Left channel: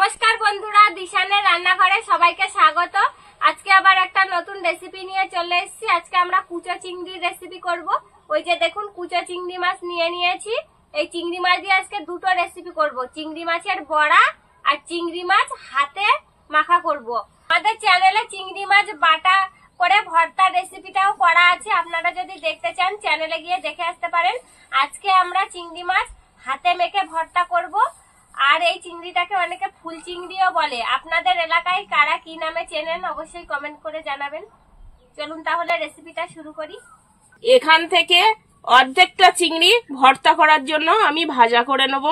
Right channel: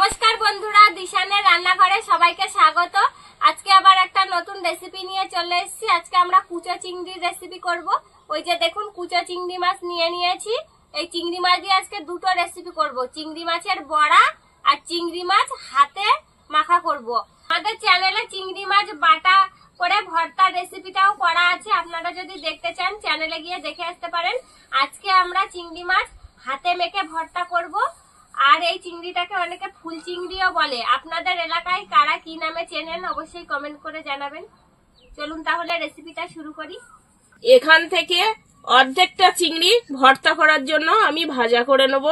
নমস্কার বন্ধুরা, দিশানের রান্নাঘরে সবাইকে স্বাগত। আজকে আবার একটা নতুন রেসিপি নিয়ে চলে এসেছি। আজকে আমরা কুচো চিংড়ির রেসিপি করব। ওই যে দেখুন, কুচো চিংড়ি মাছ নিয়ে নিয়েছি। এই চিংড়ি মাছ দিয়ে আজকে দুটো রেসিপি করব, চিংড়ি মাছের বড়া আর চিংড়ি মাছ হাতে মাখা করব। আমাদের চ্যানেলে চিংড়ি মাছ বাটা করে ভর্তা রেসিপিটাও করা আছে, আপনারা যদি দেখতে চান চ্যানেলে গিয়ে দেখে আসতে পারেন। আজকে আমরা চিংড়ি মাছ হাতে মেখে ভর্তা করব। আর এই চিংড়িটাকে অনেকে ফুল চিংড়িও বলে। আপনাদের এলাকায় কারা কি নামে চেনেন অবশ্যই কমেন্ট করে জানাবেন। চলুন তাহলে রেসিপিটা শুরু করি। এখান থেকে অর্ধেকটা চিংড়ি ভর্তা করার জন্য আমি ভাজা করে নেব।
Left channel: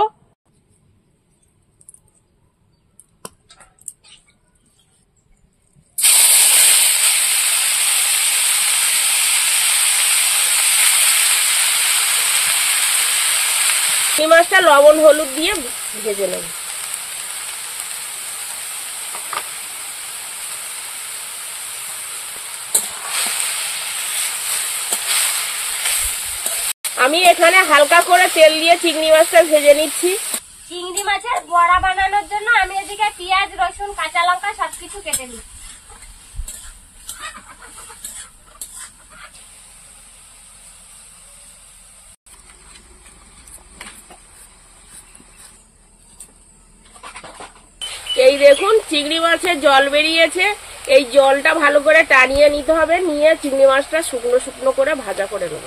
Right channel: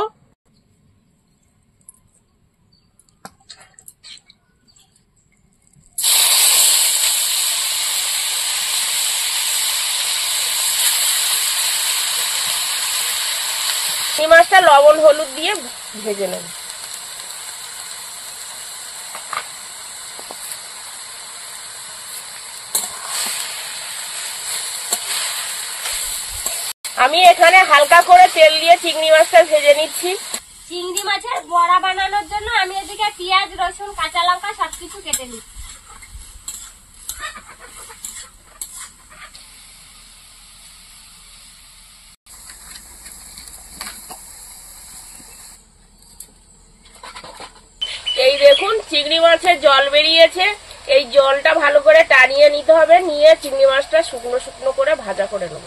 এই মাছটা লবণ হলুদ দিয়ে ভেজে নেব। আমি এখানে হালকা করে তেল দিয়ে চিংড়ি মাছটা ভেজে নিচ্ছি। চিংড়ি মাছের বড়া বানানোর জন্য আমি এদিকে পেঁয়াজ, রসুন, কাঁচা লঙ্কা সবকিছু কেটে নিচ্ছি। এই দেখুন, চিংড়ি মাছের জল বেরিয়েছে। এই জলটা ভালো করে টানিয়ে নিতে হবে, নিয়ে চিংড়ি মাছটা শুকনো শুকনো করে ভাজা করে নেব।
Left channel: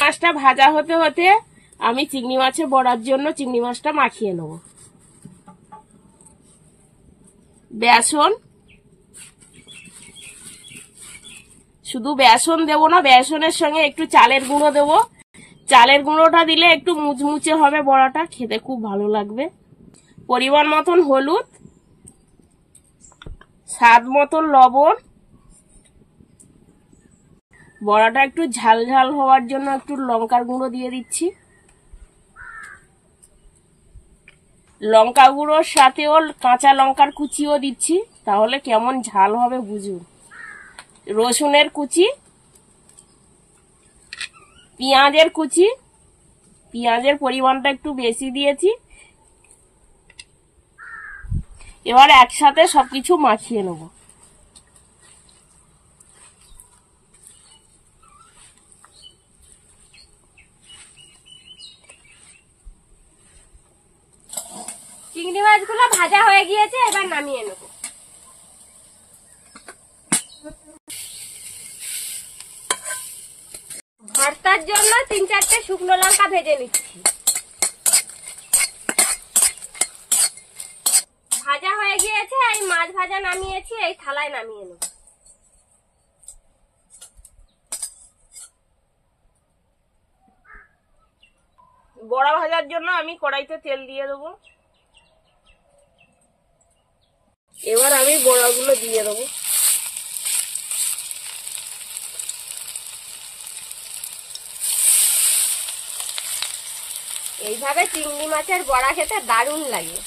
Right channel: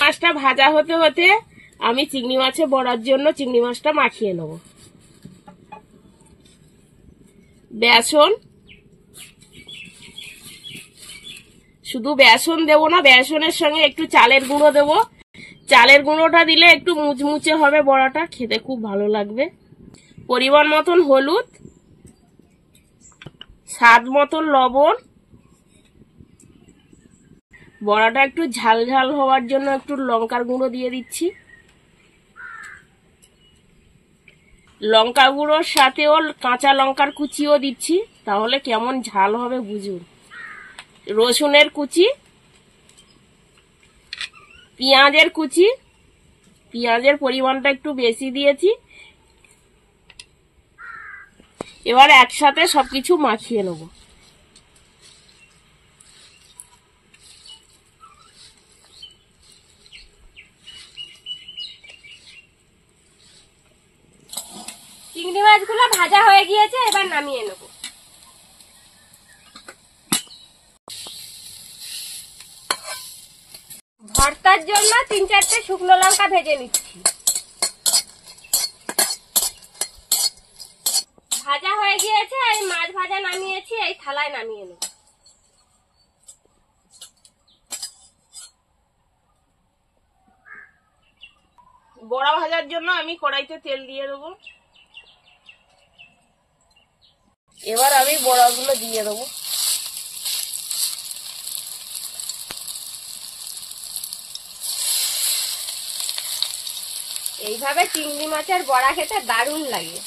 মাছটা ভাজা হতে হতে আমি চিংড়ি মাছে বড়ার জন্য চিংড়ি মাছটা মাখিয়ে নেব। বেসন, শুধু বেসন দেবো না, বেসনের সঙ্গে একটু চালের গুঁড়ো দেবো। চালের গুঁড়োটা দিলে একটু মুচমুচে হবে, বড়াটা খেতে খুব ভালো লাগবে। পরিমাণ মতন হলুদ, স্বাদ মতন লবণ। বড়াটা একটু ঝাল ঝাল হওয়ার জন্য একটু লঙ্কার গুঁড়ো দিয়ে দিচ্ছি। লঙ্কা গুঁড়োর সাথেও কাঁচা লঙ্কার কুচিও দিচ্ছি, তাহলে কেমন ঝাল হবে বুঝুন। রসুনের কুচি, পেঁয়াজের কুচি, পেঁয়াজের পরিমাণটা একটু বেশি দিয়েছি। এবার একসাথে সবকিছু মাখিয়ে নেব। চিংড়ি মাছগুলো ভাজা হয়ে গিয়েছে, এবার নামিয়ে নেব। ভর্তার জন্য 3-4টে শুকনো লঙ্কা ভেজে নিচ্ছি। ভাজা হয়ে গিয়েছে, এই মাছ ভাজা নামিয়েছি, এই থালায় নামিয়ে নেব। বড়া ভাজার জন্য আমি কড়াইতে তেল দিয়ে দেবো। এবার আমি বড়াগুলো দিয়ে দেবো। এইভাবে চিংড়ি মাছের বড়া খেতে দারুণ লাগে।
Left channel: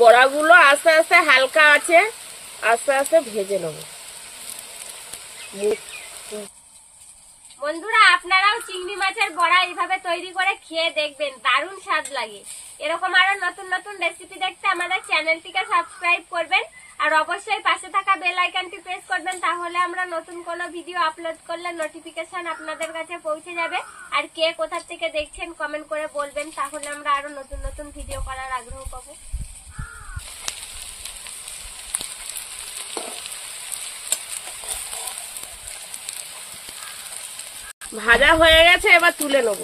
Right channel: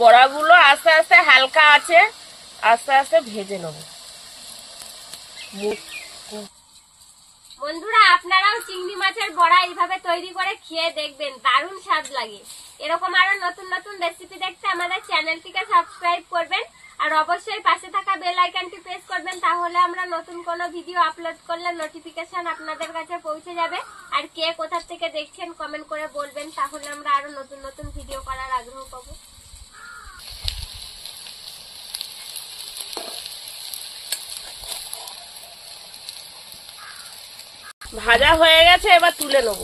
বড়াগুলো আস্তে আস্তে হালকা আছে আস্তে আস্তে ভেজে নেব। বন্ধুরা, আপনারাও চিংড়ি মাছের বড়া এইভাবে তৈরি করে খেয়ে দেখবেন, দারুণ স্বাদ লাগে। এরকম আরো নতুন নতুন রেসিপি দেখতে আমাদের চ্যানেলটিকে সাবস্ক্রাইব করবেন, আর অবশ্যই পাশে থাকা বেল আইকনটি প্রেস করবেন, তাহলে আমরা নতুন কোনো ভিডিও আপলোড করলে নোটিফিকেশন আপনাদের কাছে পৌঁছে যাবে। আর কে কোথা থেকে দেখছেন কমেন্ট করে বলবেন, তাহলে আমরা আরো নতুন নতুন ভিডিও করার আগ্রহ পাবো। ভাজা হয়ে গেছে, এবার তুলে নেব।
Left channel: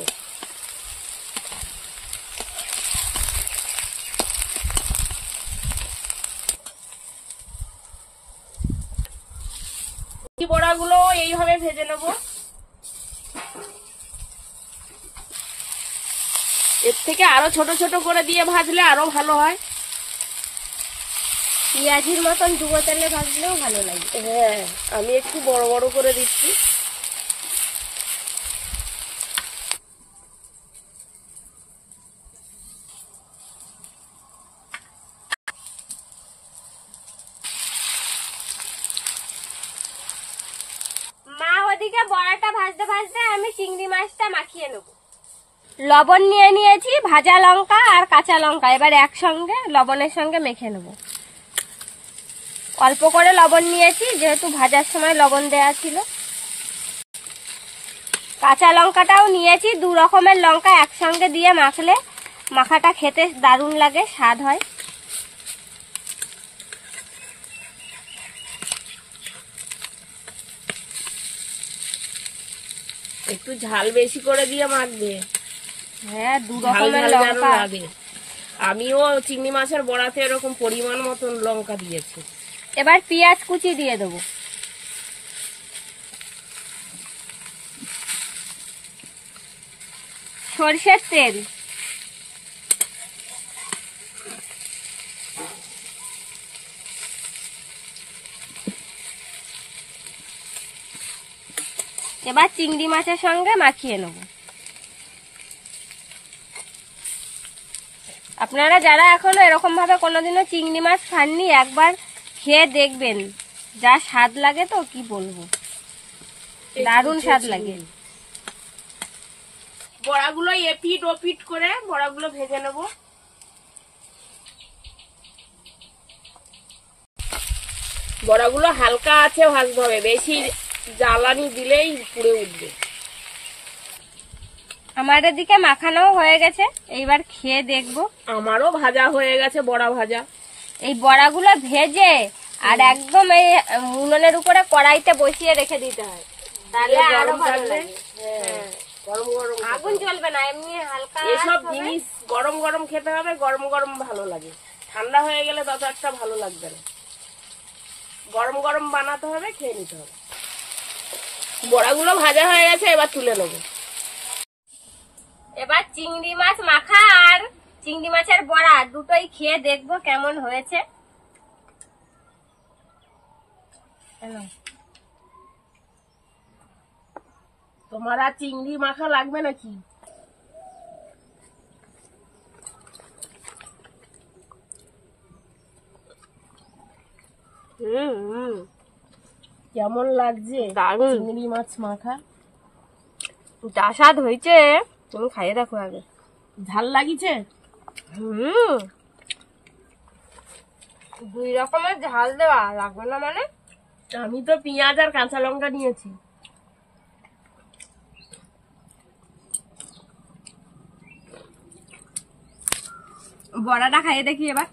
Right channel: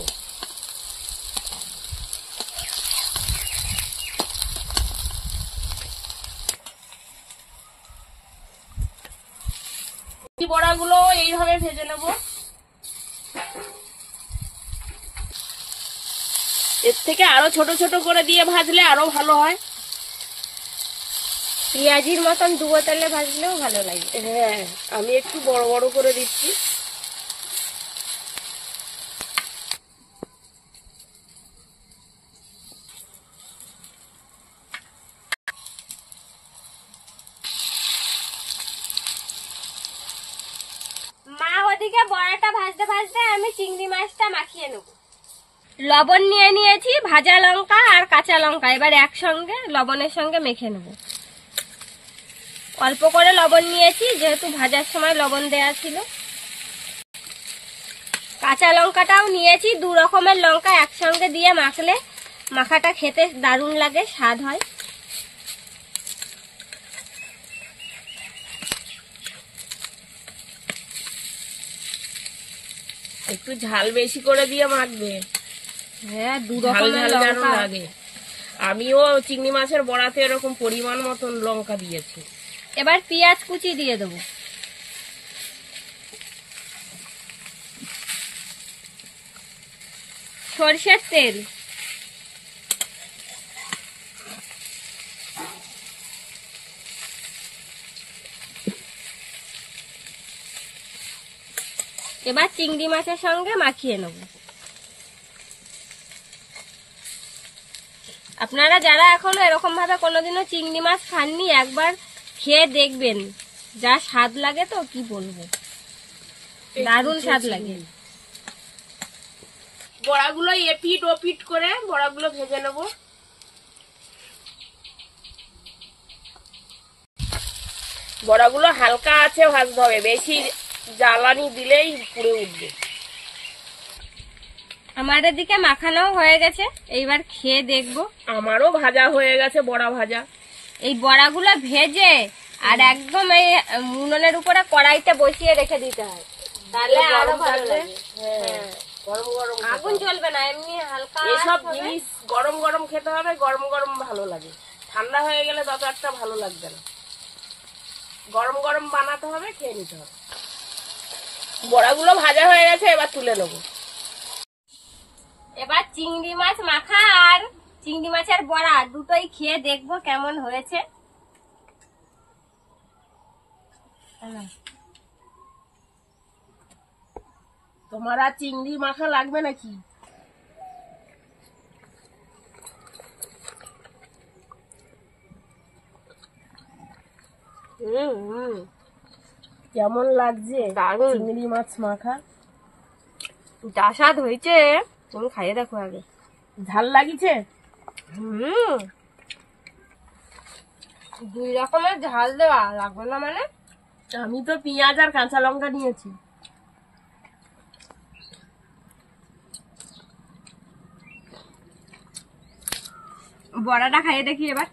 বড়াগুলো এইভাবে ভেজে নেব। এর থেকে আরো ছোট ছোট করে দিয়ে ভাজলে আরো ভালো হয়। পেঁয়াজির মতন ডুবো তেলে ভাজলেও ভালো লাগে। হ্যাঁ, আমি একটু বড় বড় করে দিচ্ছি। মা ওদিকে বড়াটা ভাজতে ভাজতে আমি চিংড়ি মাছটা মাখিয়ে নেব। লবণ নিয়ে নিয়েছি, ভাজা লঙ্কা আর কাঁচা লঙ্কা এবার একসঙ্গে লবণের সঙ্গে মেখে নেব। অল্প করে লবণ নিয়েছি যেহেতু ভাজার সময় লবণ দেওয়া ছিল। কাঁচা লঙ্কাটাও নিয়েছি, 2 রকমের লঙ্কা একসঙ্গে দিয়ে মাখলে মাখাটা খেতে দারুণ লাগে, স্বাদ হয়। একটু ঝাল বেশি করে দিয়ে মাখবে। হ্যাঁ, 2 ঝাল রকমের ঝাল যেন লঙ্কা। না দে। আমিও চিংড়ি মাছের বড়াতে এরকম পরিমাণ মতন লঙ্কা দিয়েছি। এবার পেঁয়াজ কুচি দিয়ে দেবো। সরষের তেল, এবার চিংড়ি মাছের সঙ্গে মাখিয়ে নেব। আপনারা যারা এখনো এরকম ভাবে কোনোদিনও চিংড়ি মাছ খাননি, একবার খেয়ে দেখবেন, যা স্বাদ লাগে তো কি বলবো, দারুণ স্বাদ লাগে। বড়াগুলো এপিট ওপিট করে বড়াগুলো ভেজে নেব। বড়াগুলো হালকা আছে ভাজতে হবে, বেশি জ্বালানি দিলেই পুড়ে উঠবে। আমার এদিকে মাখানো হয়ে গেছে, এইবার খেয়ে দেখবো। আমারও ভাজা হয়ে গেছে, বড়া ভাজা। এই বড়াগুলো ভেজে আর একদম এই উনুনের উপরে কড়াইতে বসিয়ে রেখে দিতে হয়, তাহলে আরো ভালো লাগে। হ্যাঁ, গরম গরম আগুন চলবে না, এমনি হালকা এসব হবে। জিনিস গরম গরম খেতে হবে, গরম গরম ভালো লাগে। ঠান্ডা হয়ে গেলে তত একটা ভালো লাগবে না। গরম গরম বানাতে হবে, খেয়ে নিতে হবে। বড়াগুলো ভাজা হয়ে গেছে, এবার তুলে নেবো। এবার চিংড়ি মাছ মাখা আর চিংড়ি মাছের বড়া দুটোই খেয়ে দেখবো কেমন হয়েছে। তোমার আর চিংড়ি মাখা লাগবে নাকি? কেমন লাগছে দারুণ। চিংড়ি মাছ মাখা? যা স্বাদ হয়েছে, তুমি খাইয়ে দেখো আগে। ঝাল লাগিছে? 2 রকমের ঝাল দেওয়া লাগবে না মানে? আমি তো পেঁয়াজ আর কাঁচা লঙ্কা নিয়েছি। বড়াটা খাইয়ে দেখি এবার।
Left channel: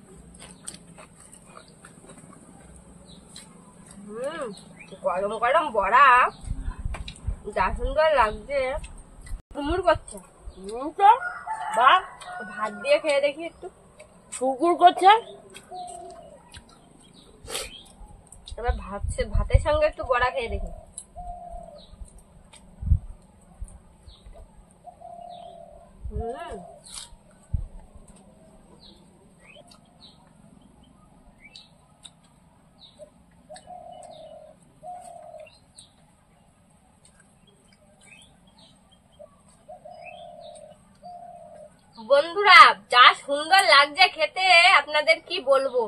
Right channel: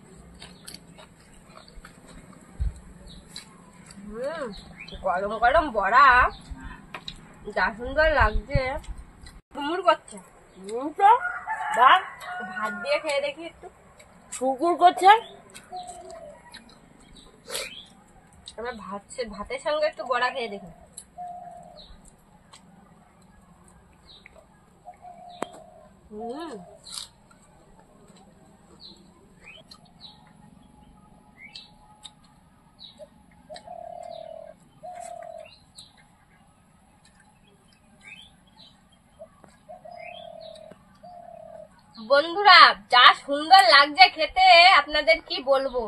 গরম গরম বড়া, যা সুন্দর লাগছে, কুমুর করছে। তো বা ভাত দিয়ে খেয়ে দেখি একটু। শুকুর করছে। এবার ভাতের সঙ্গে একটু বড়া খেয়ে দেখি। বন্ধুরা, যা সুন্দর লাগছে খেতে, আপনাদের কি বলবো।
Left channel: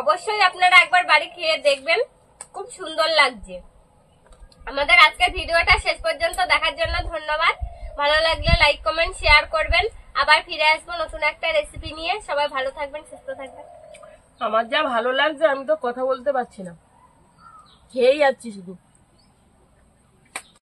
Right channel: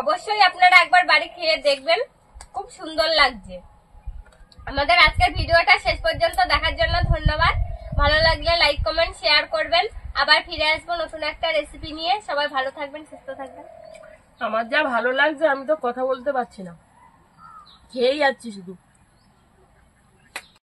অবশ্যই আপনারা একবার বাড়ি খেয়ে দেখবেন, খুব সুন্দর লাগছে। আমাদের আজকের ভিডিওটা শেষ পর্যন্ত দেখার জন্য ধন্যবাদ। ভালো লাগলে লাইক কমেন্ট শেয়ার করবেন। আবার ফিরে আসবো নতুন একটা রেসিপি নিয়ে। সবাই ভালো থাকবেন, সুস্থ থাকবেন। আমার যা ভালো লাগছে, আমি তো কথা বলতে পারছি না, খেয়েই যাচ্ছি শুধু।